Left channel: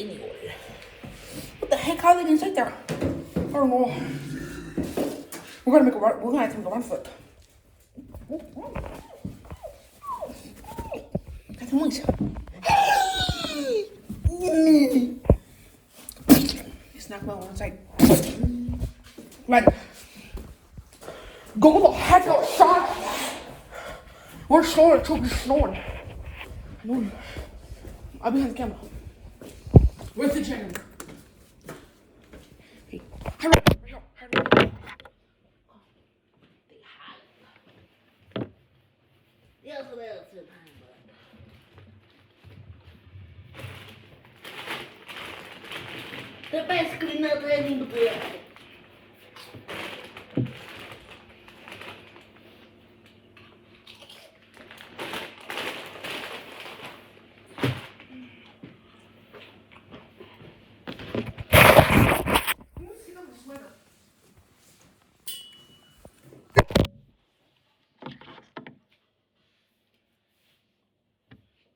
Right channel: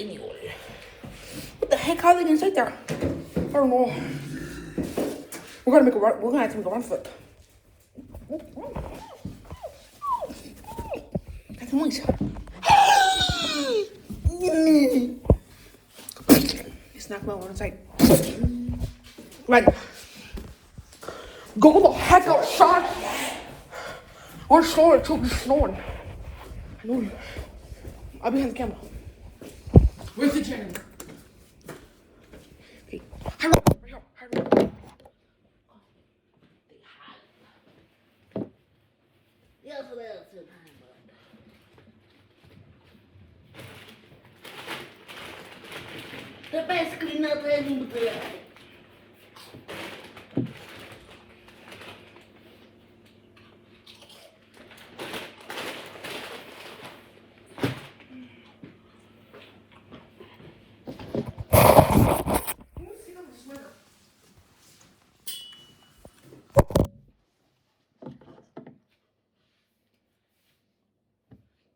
anyway. What the heck? How are they gonna sit there? I don't know. We're gonna have to make a run for it. That's noise. It's not well on inside. Right. Go the heck outside. We're snowing, it's snowing. I'll be in the camera. Where's the gym? Hey, hurry up, hurry up. The basically not ready to play.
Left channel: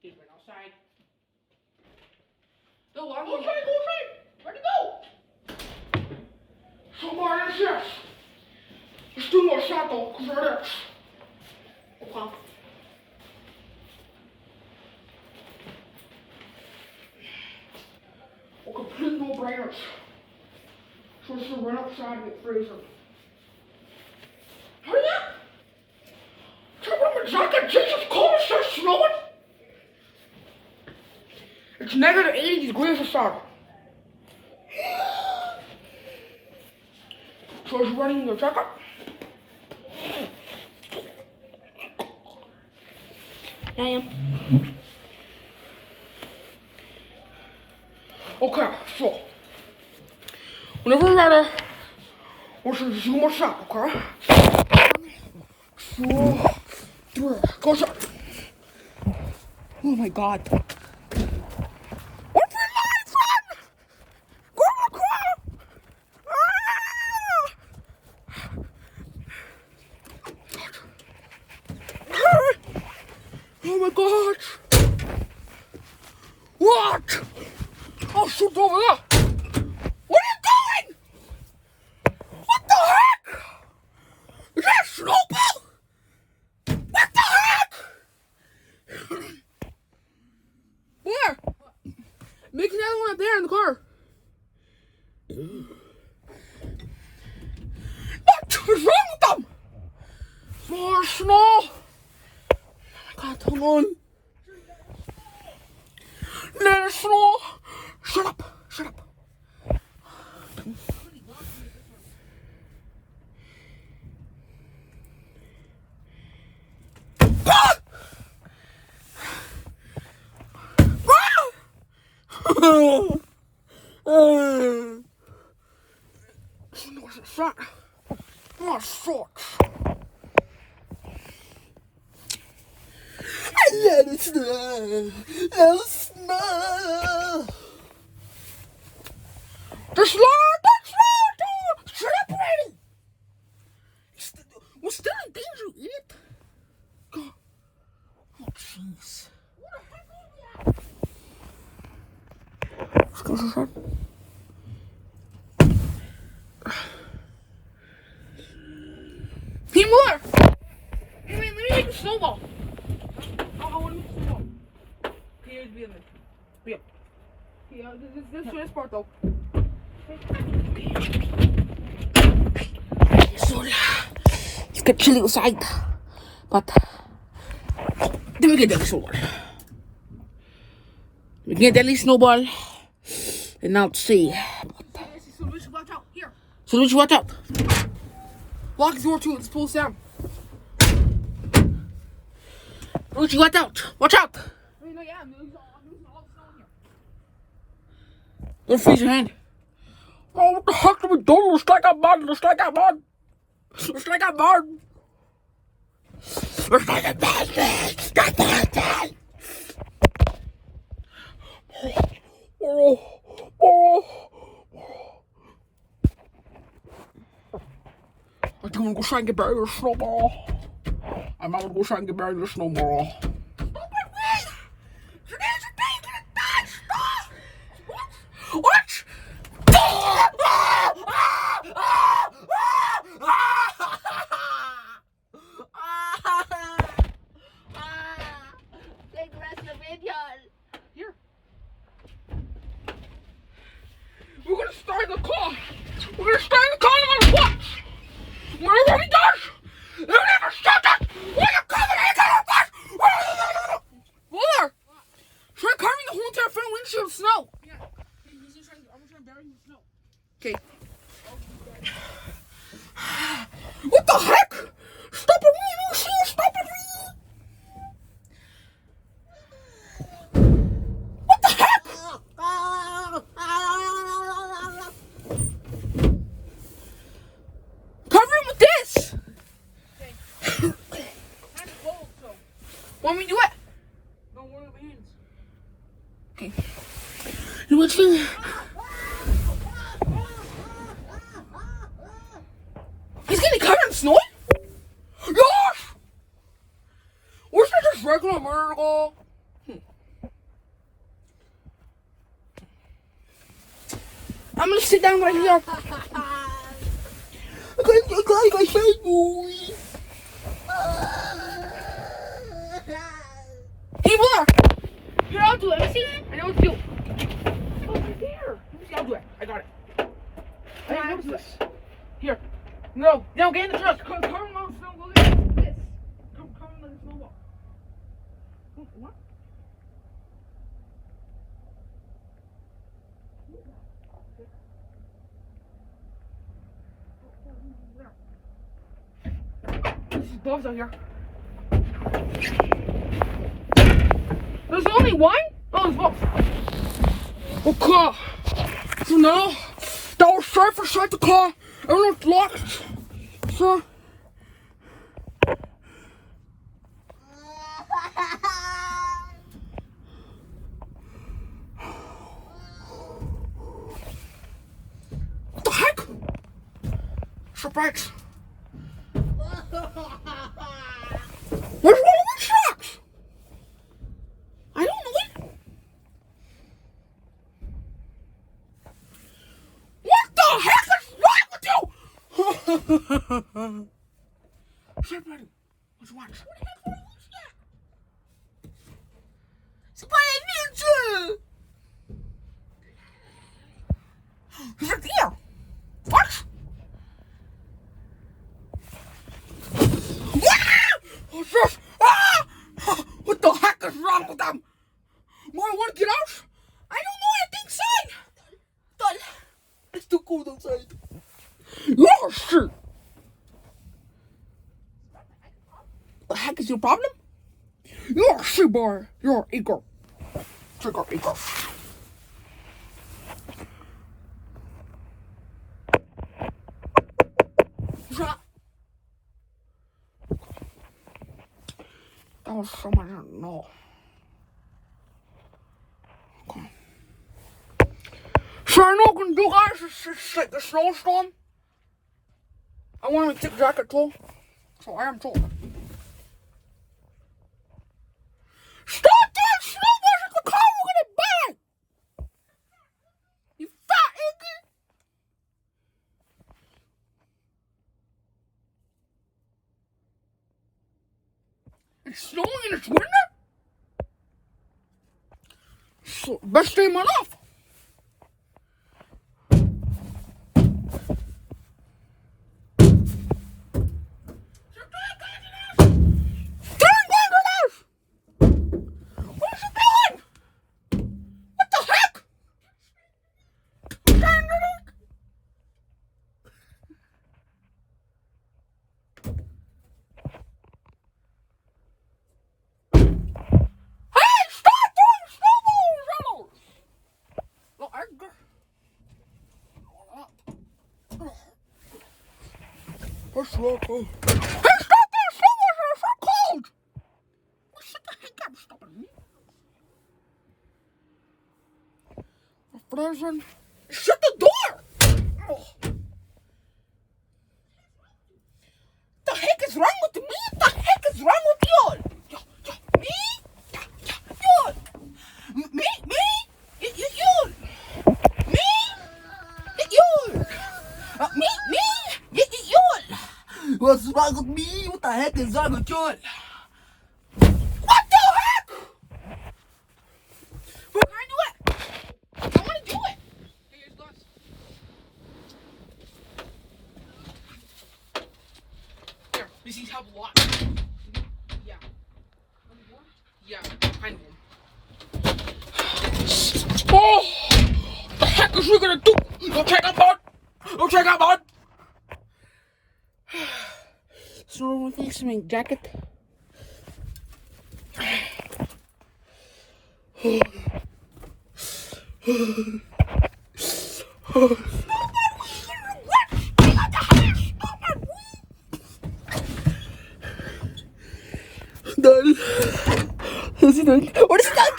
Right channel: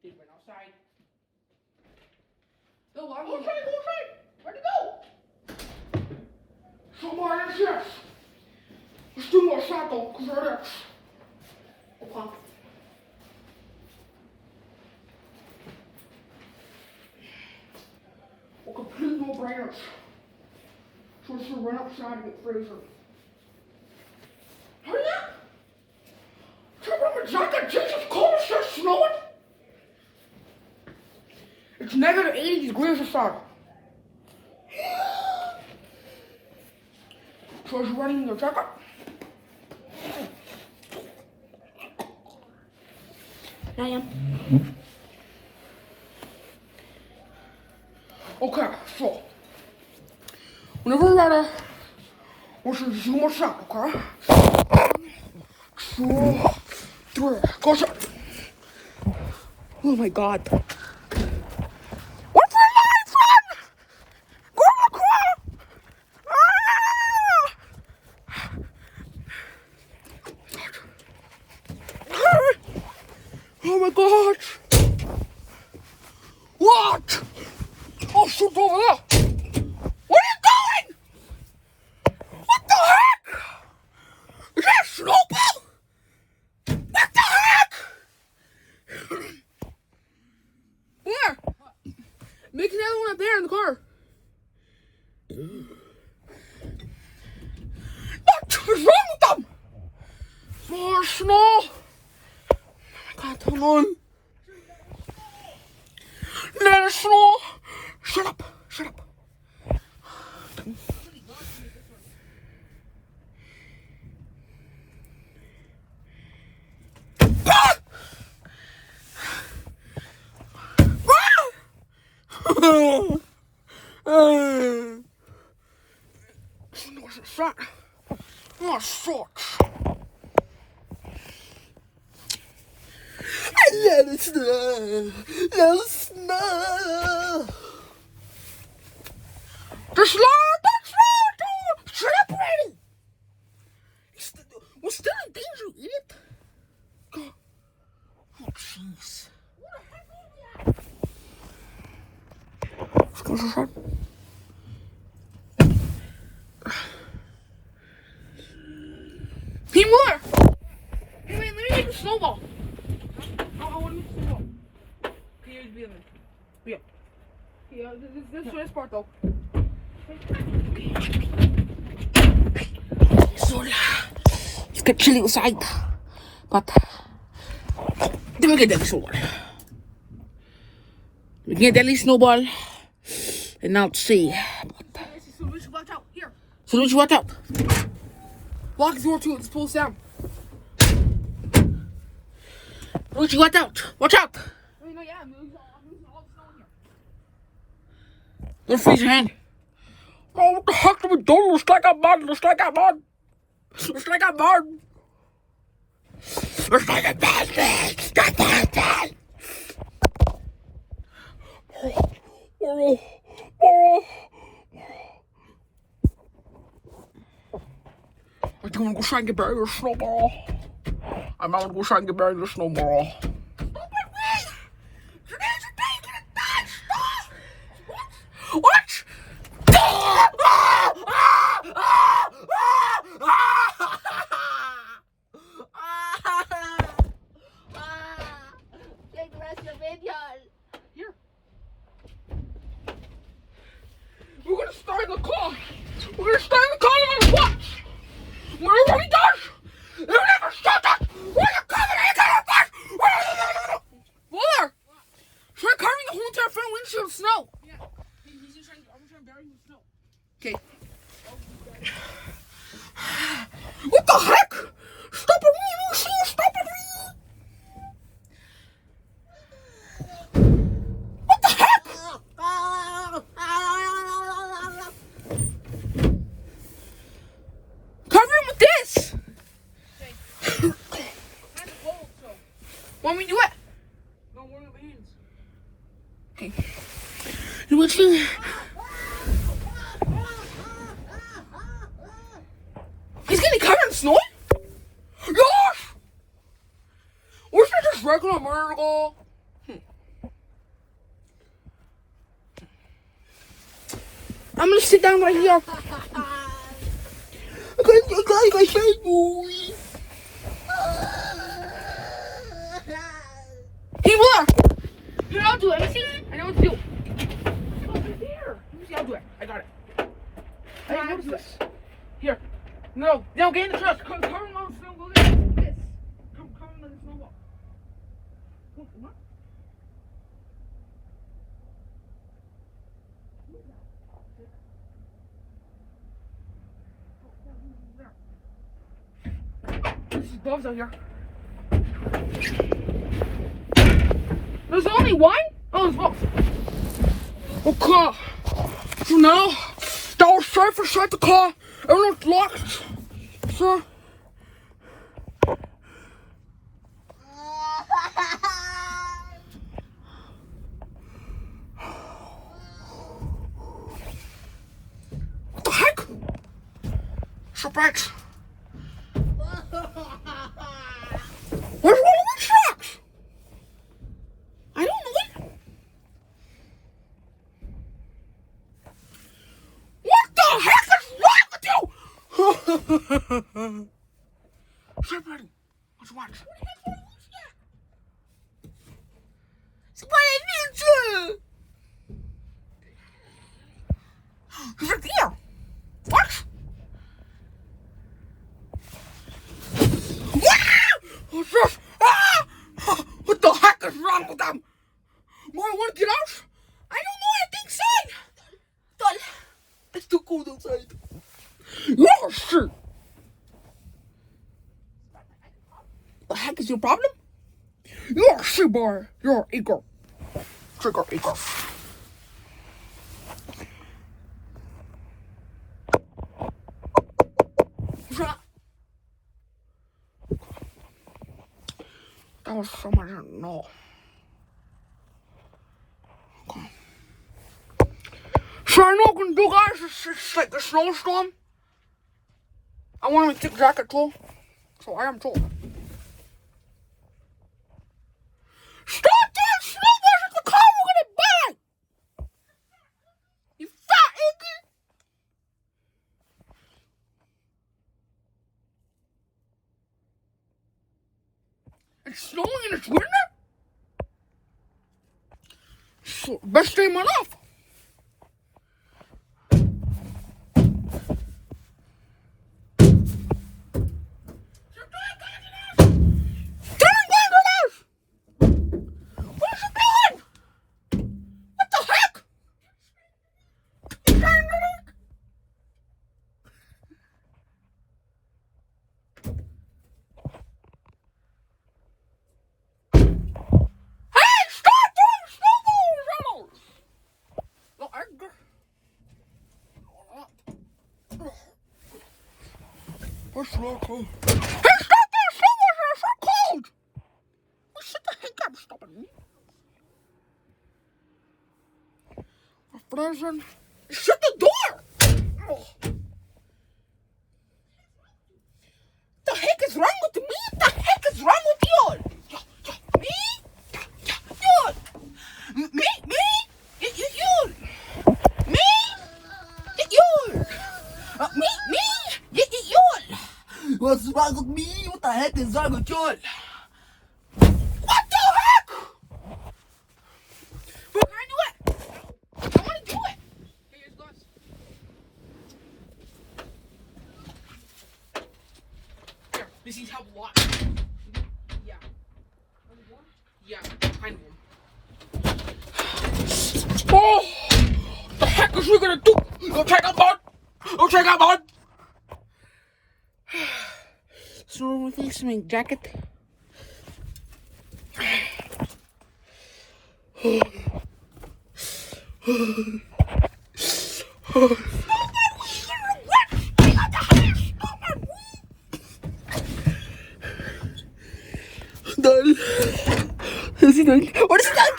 Dude, went outside. No, I'm going to go outside. Where'd he go? Somewhere in this. There's two more shots though, because they're there. Okay. We're completely no brainers. So we're just gonna run outside and get freezer. Hurry up! Turn on my jacket, Jesus, cold as shit, snowing! It's negative 80 degrees outside. So is you running your jacket? I am. Okay, so whenever we're ready, we're gonna zoom our shot, okay? 2, 3, go shot. Oh my god. What's your life, son? Go, go! Oh my god! What? Oh, shoot over there! Where are you going? What the heck? Is that a snowball? What the heck? Where? Make another one up there in the car. What is wrong with them? More snow. Come on. Let it snow. Shut up. Shut up. Oh, sucks. Let it snow. Let it snow. The slow, dude. Shut up already. We're still in danger, idiot. Oh, jeez. Let's go to the shop. Team Muller! Hey, wait, let me make a snowball. Yeah. Yeah, this is part though. Sorry. It's got chilly outside. But then we get deadly snowball. We get deadly snowball. And now let's see. So Luigi, watch out. Here. So Luigi, watch out. Lock the door too, let's pull this down. Luigi, watch out. Watch out. Wait, no, yeah, I'm losing all the snow in here. Don't freeze your hand. Oh, what the heck did we do? Let's take a mud. Let's take a mud. Let's take a mud. Let's take a mud. Let's take a mud. I'm gonna go try and get buried with a snowball. I'm gonna go try and get buried with a snowball. Stop it, please! Today's a day to die, stop! stay in the car. We're gonna stay in the car no matter what. Whatever he does, you never stop that. Why you coming here to the bus? Wheeler, try covering the whole entire front windshield with snow. Yeah. I'm gonna try and bury him with snow. Okay. What the heck? Stop it, you see? Stop it. What the heck? Cover him with this. Want me to do it? No, we're on hands. Okay. Let's see. He's getting covered in snow? Gosh! Or is it just regular miracle? I'm gonna sit down right here. Okay, I say you. Hey, Willa! You know how to do anything? I know what to do. Over there. I'll do it. I got it. I know how to do this. Here. No, get in the truck. Come on the snowball. Yes. Come on the snowball. Come on. There's bugs out here. There's only one? Oh, there's both. Okay. So now, that was safe inside the car. Everyone's locked. So. What the heck? Surprise. Where's one of my trucks? I don't know it. What the heck is wrong with you? Somebody, let's watch. What the heck is that? Somebody needs you. He's right there. What? What's this? Ah! What the heck is wrong with them? More want to get out? I don't know anything, son. It's too cold outside. Oh, shit. The heck is your problem? You're a shit boy. You're an eagle. Trigger eagle. What's that? That was so much I didn't know. Okay. So I know what I'm gonna do, guys. It's like a snowstorm. I want my thick jacket too. So I am too. Stop doing snowballs at the car we're gonna buy! You fat idiot! It's snowing and it's winter? So, best day of my life. What's wrong? Hey, stop that! Someone's are so cold! Well, shut the heck up, stopping me. I'm frozen. Shut the door! Oh. The heck is wrong with me? The heck is wrong with you? Me? You? Me? You? Me? You? Me? What's wrong with me? What the heck is wrong with you? What the heck? We're gonna do it. I wanna do it. These things help a lot. Yeah. Yeah, kind of. Oh! What the heck is we gonna do? Don't check out bud! Don't check out bud! So we fix my jacket. Daddy. Is he done? What is he done?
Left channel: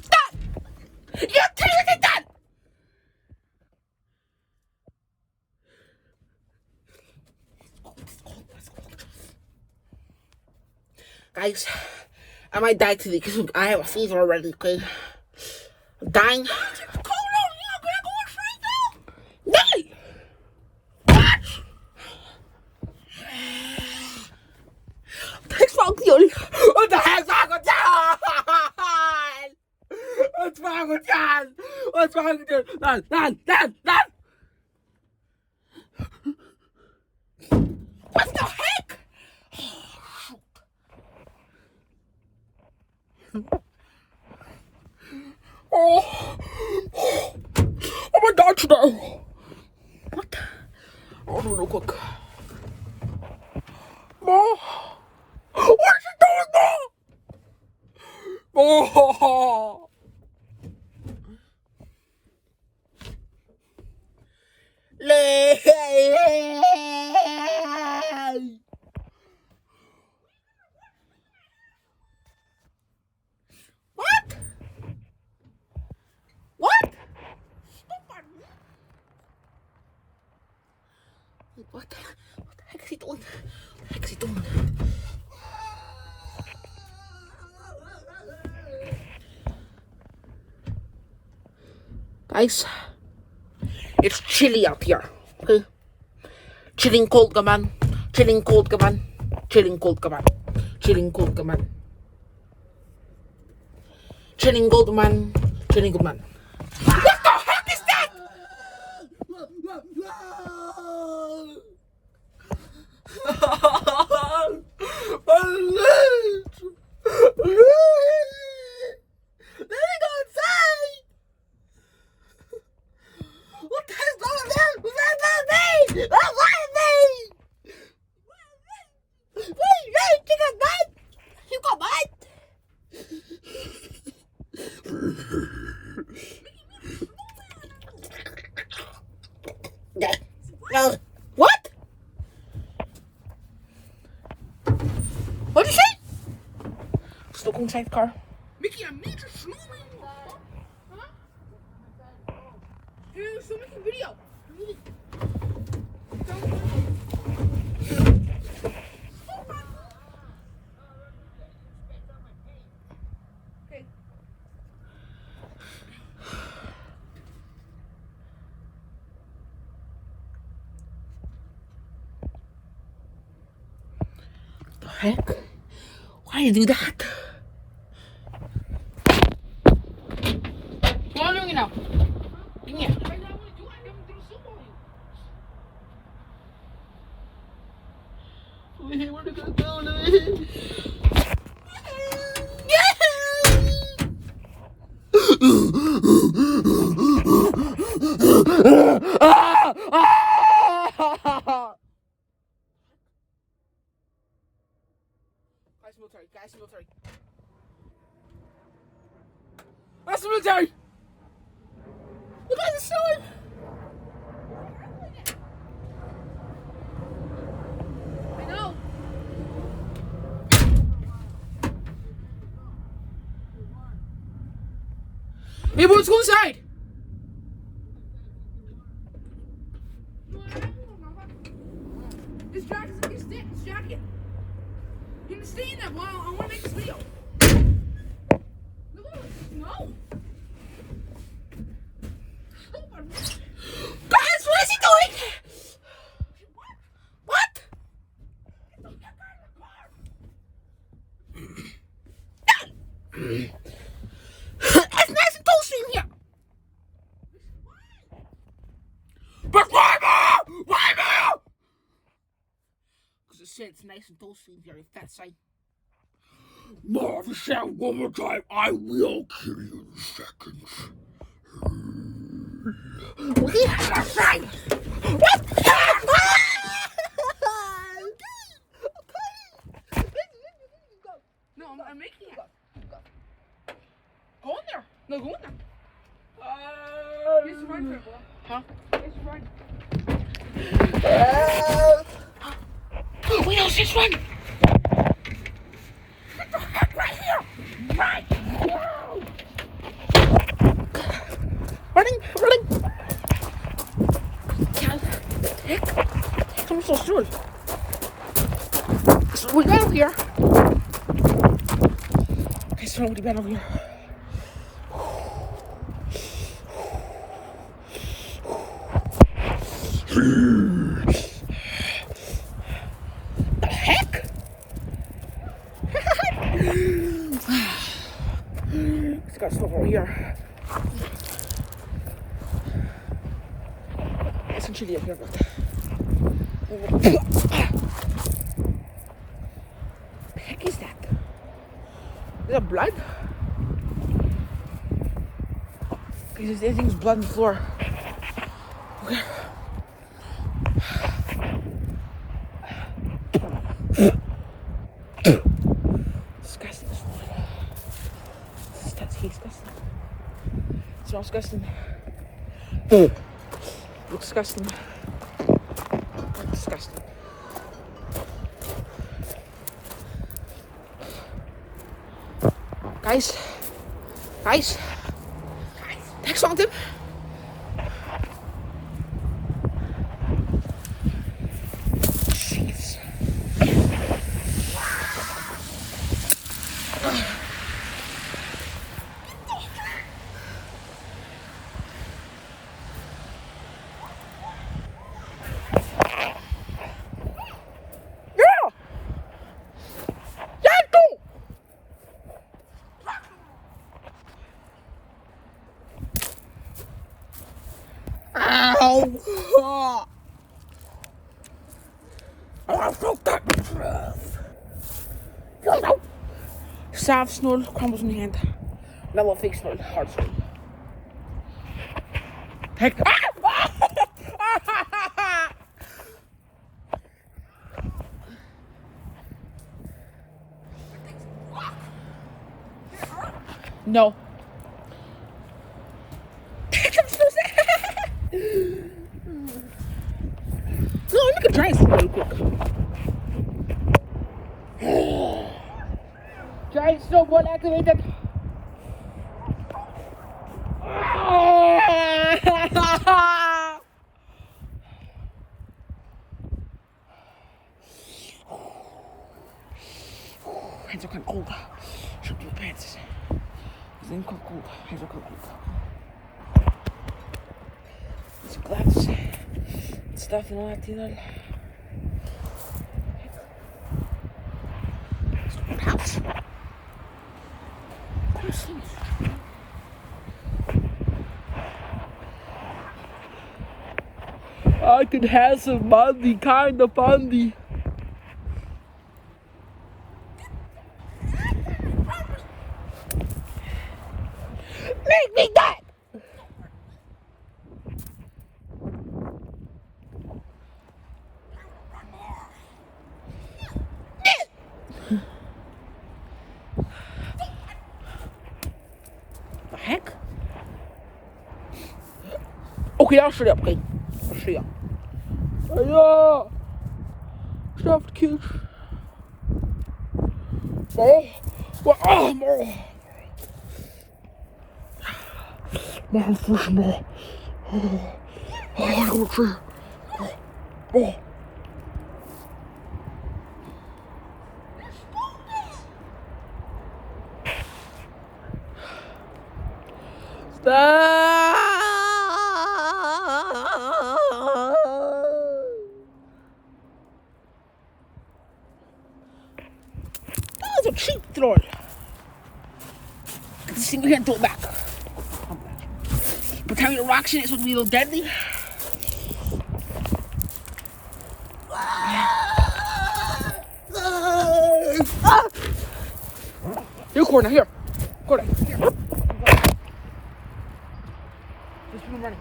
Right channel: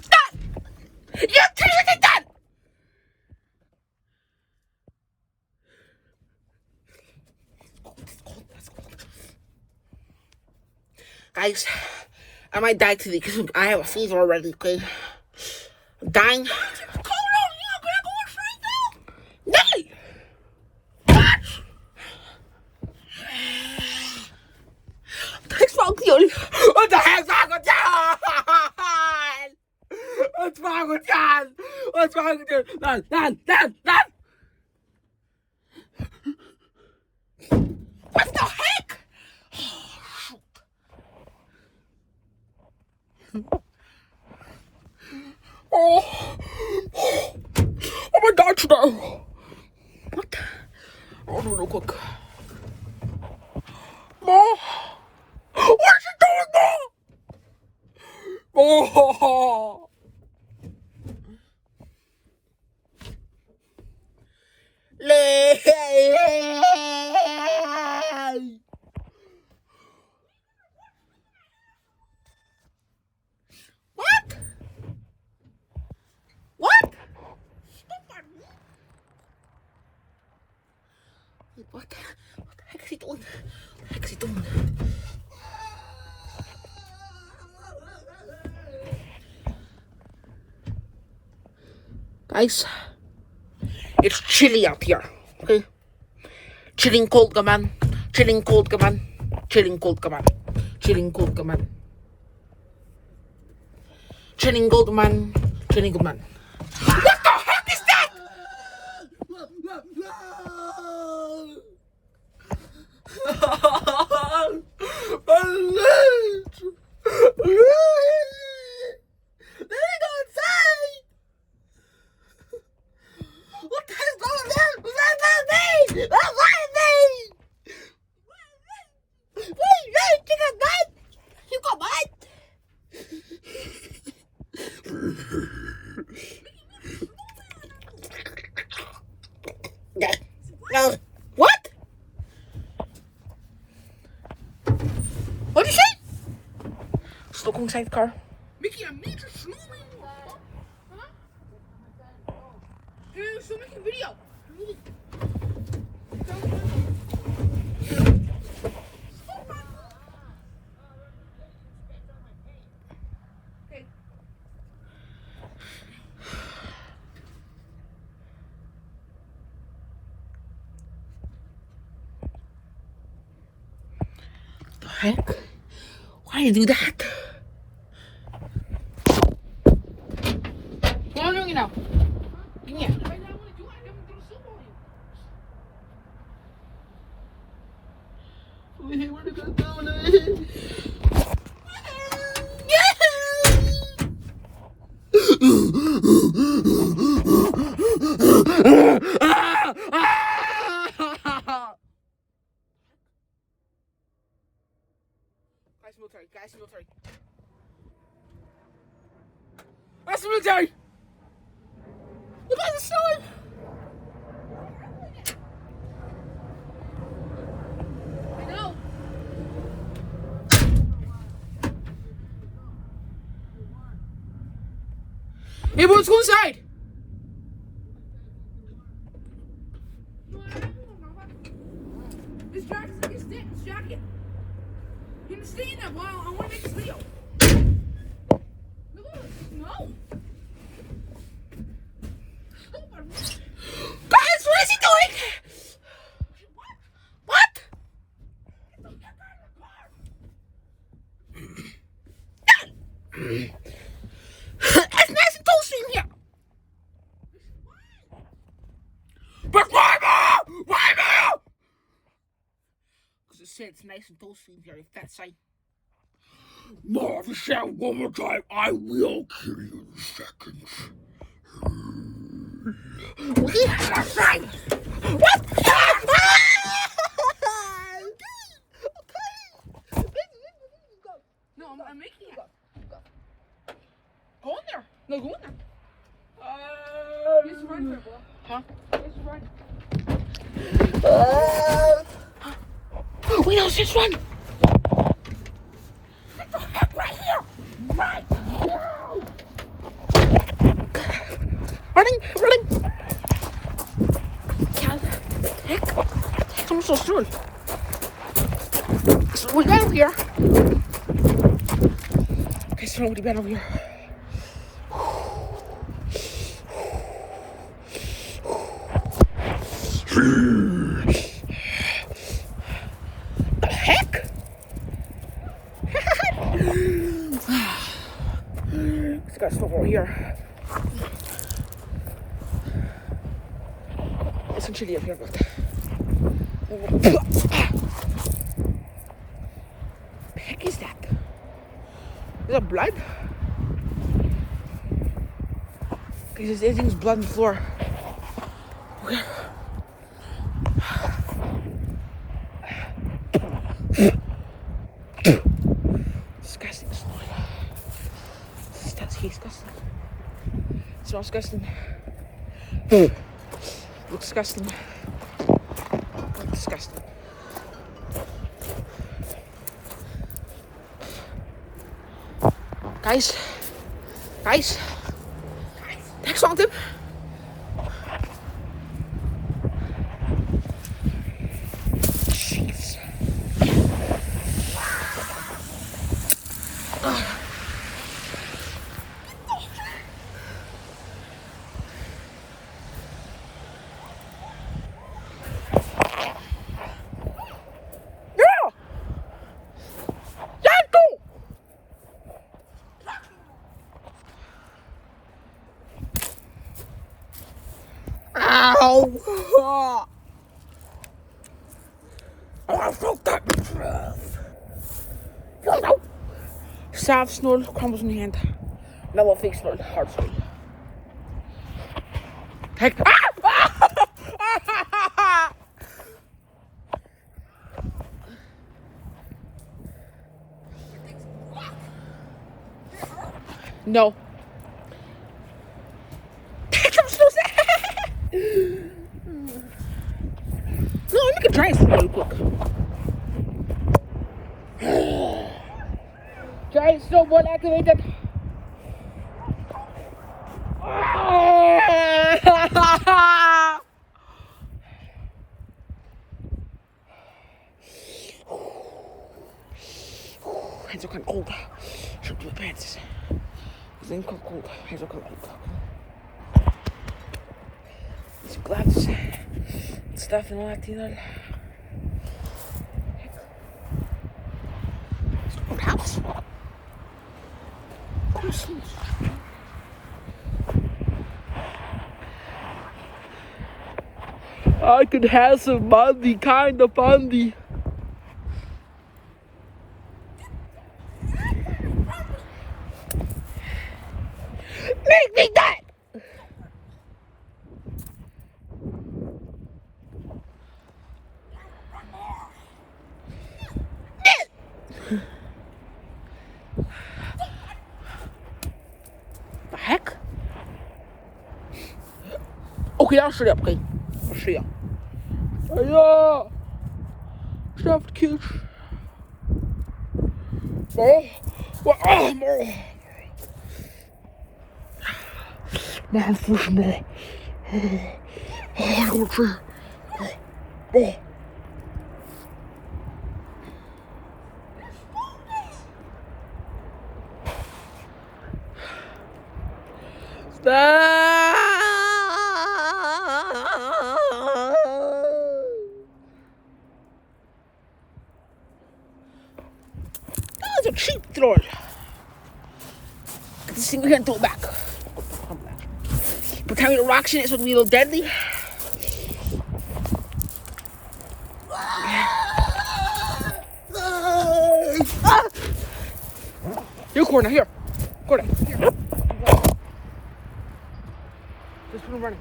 Stop! You tell me what he done! Guys, I might die today because I have a fever already, okay? I'm dying. Die! Thanks for the what the heck's wrong with you? What's wrong with you? What's wrong with you? Dad! What the heck? Oh my God, today. What? Oh, no, quick. Oh. What is he doing, Mom? Oh. What? What? What the heck is he doing? What the heck is he doing? Guys, it's chilly out here, okay? Chilling cold, come on. Chilling cold, come on. Chilling cold, come on. Chilling cold, come on. Chilling cold, man. Chilling cold, man. What the heck is that? Let me go inside. What the hell's going on? What's me? What's me? Wait, you got mad? You got mad? No. What? What did you say? Just look inside the car. Mickey, I'm major snowing. Huh? Hey, still making video. Okay. The heck? Why do you do that? What are you doing now? Give me it. Where are we gonna go, Louis? Guys, military. That's the military! You guys are snowing! I know. Hey, boys, go inside! This jacket. You understand that? Well, I want to make this video. No. Guys, what is he doing? What? It's nice and toasty in here. said it's nice and toasty in here, you fat sight. No, if you say it one more time, I will kill you in seconds. Yes, right. No, I'm making you go. Go in there. No, go in there. This is fine for it, bro. Huh? This is fine. We know this one. What the heck, right here? Right now. Running. Heck. I'm so sorry. So we got over here. Okay, so nobody been over here. The heck? This guy's still over here. Listen to the other one. The heck is that? Is that blood? Because everything's blood on the floor. Okay. Disgusting, this one. That's disgusting. It smells disgusting. Looks disgusting. That's disgusting. Guys. Next one, tip. Jeez. Soft snow crumbles in the hand. Mellow fake snow, hard snow. Heck. No. I'm so sad. No, let me get giant snow really quick. Giant snow one activated. Hands are kind of cold. Should do pants. Then cold. Hands are cold. These gloves. Stuff and all that, you know. House. I could have some money, kind of funny. Make me that! The heck? Okay, I'll shut up, okay? I'll shut up. Yeah! Stuffed kids. Oh! More fish, more. I don't see. Oh. That was a cheap throw. Get this thing here and throw it back. Pretend the rocks in it so it'll be a little deadly. Ah! Here, Courtney, here. Courtney. Just keep running.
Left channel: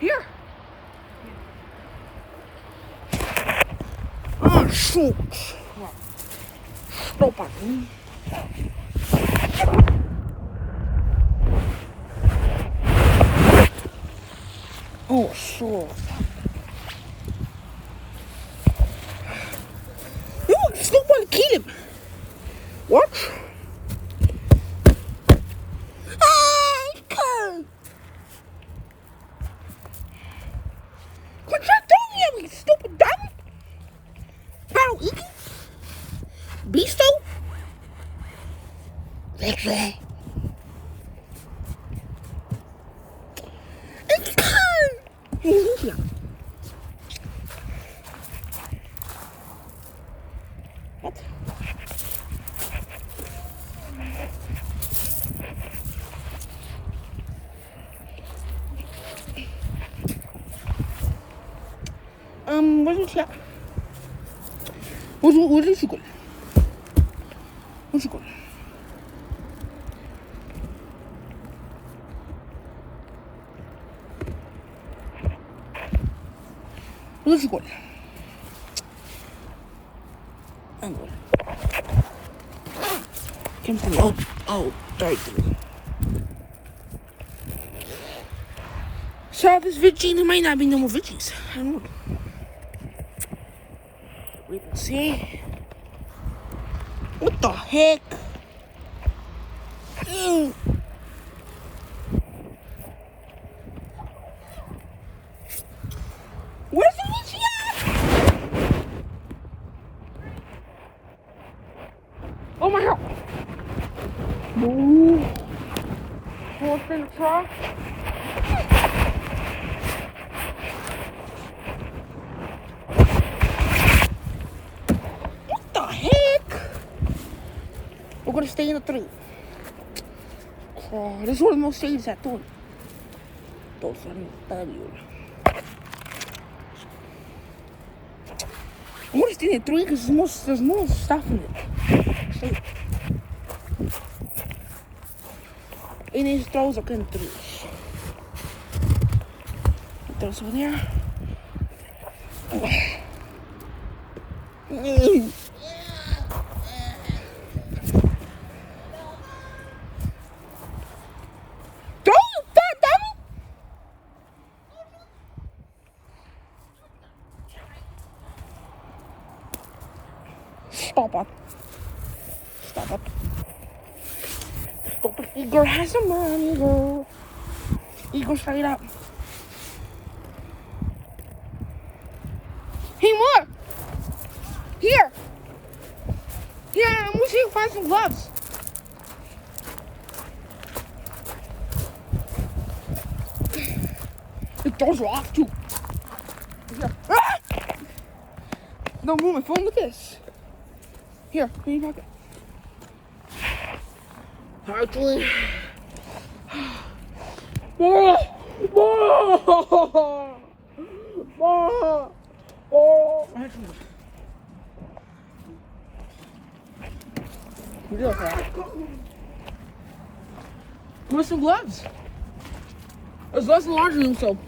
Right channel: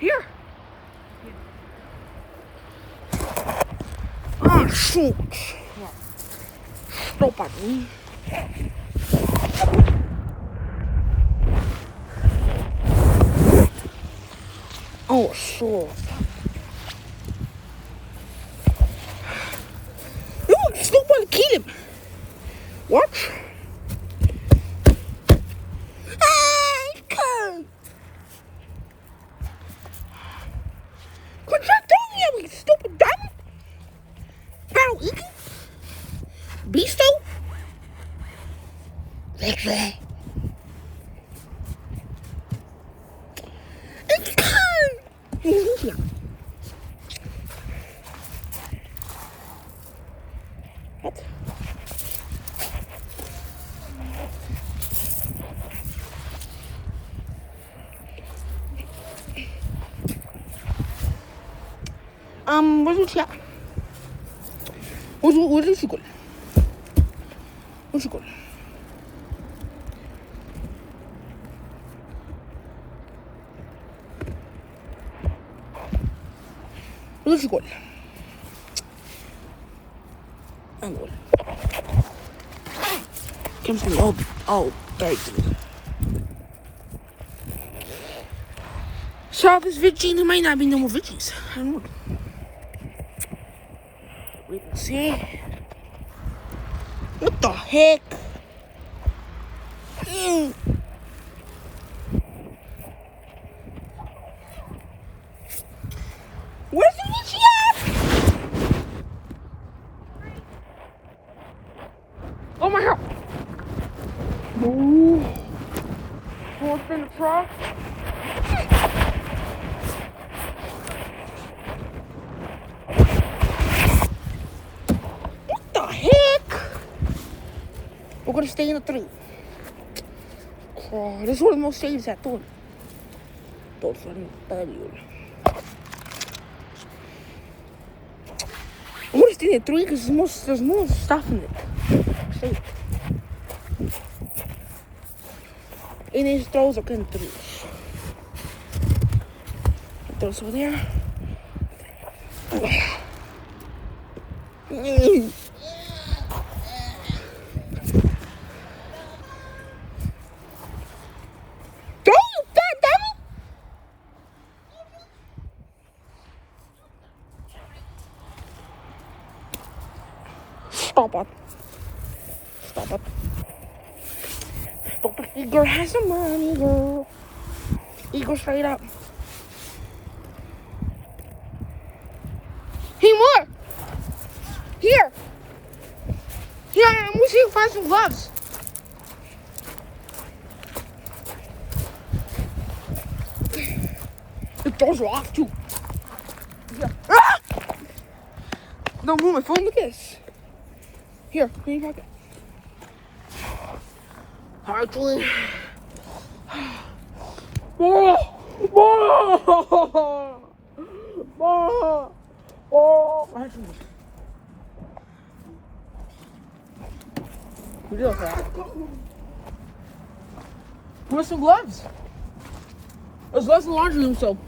Here. Oh, shoot. Stop at me. Oh, shit. No, stop and kill him. What? Beasto? Lekker. Ik kan. Ja. Wat? Wat doet je? Wat is je goed? Wat is je goed? Wat is je goed? En goed. Ik heb ze al tijd. S'avonds wit zien en mij naar binnen mijn witjes. Wait and see. What the heck? Where's the witchy at? Oh my god. Ooh. What's in charge? We're gonna stay in a tree. Oh, this is one of the most saves at all. Don't funny. I'm gonna stay in a tree because there's no stuff in it. Stay. En deze trouwens ook in de tree. Dat is over there. Stop it. Stop it. Stop it. Igor has some money, Igor. Igor, straight up. Hey, more. Here. Here, I'm gonna see if I find some gloves. Those are off too. Yeah. Ah! Don't move my phone with this. Here you have it. Hardly. Oh! You do okay. Where's some gloves? There's lots of laundry room soap.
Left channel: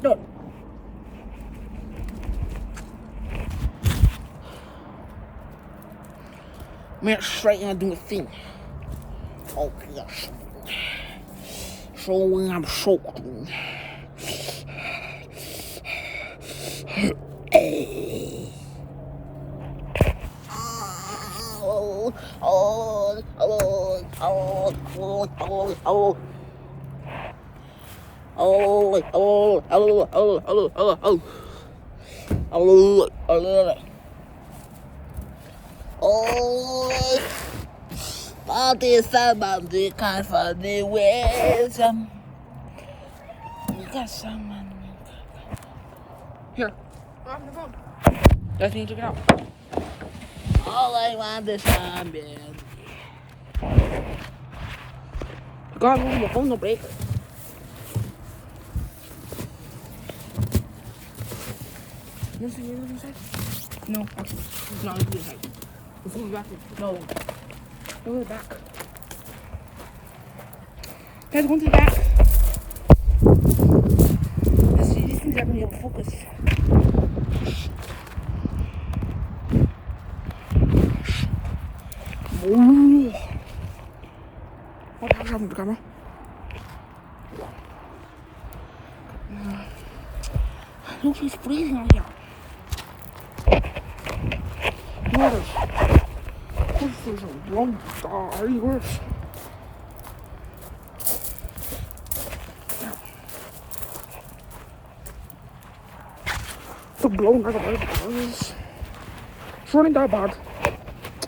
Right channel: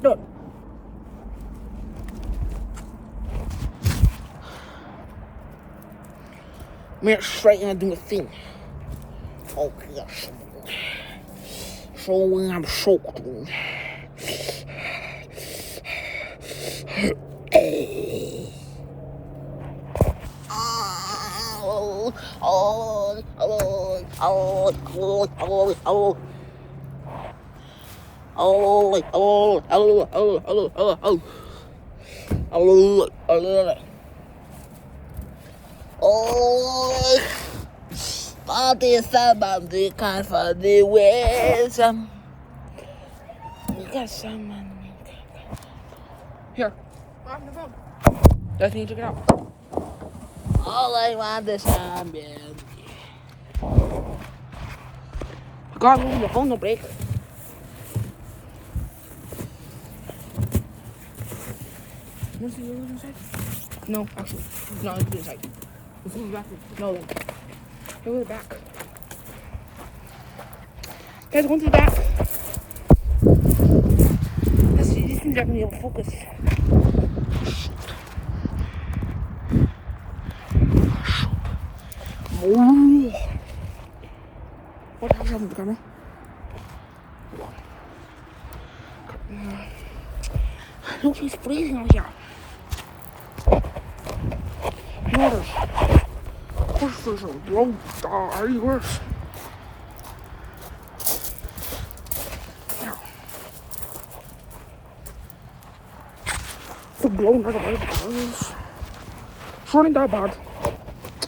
Done. I'm straight and do a thing. Okay, yes. So when I'm soaked. Oh, oh, oh, oh, oh, oh, oh. Oh, oh, oh. Body somebody can't find the ways. Yes, here. On the phone. Just need to check it out. All I want is somebody. God, move your phone, no break. Let's see what's inside. No, actually, it's not inside. It's in the back. No, then. Go to the back. Guys, go to the back. Let's see, these things are going to be able to focus. Wow. What happened to the camera? Look, she's freezing out here. Notice. This is a long die worse. It's blowing like a bird. It's running that bad.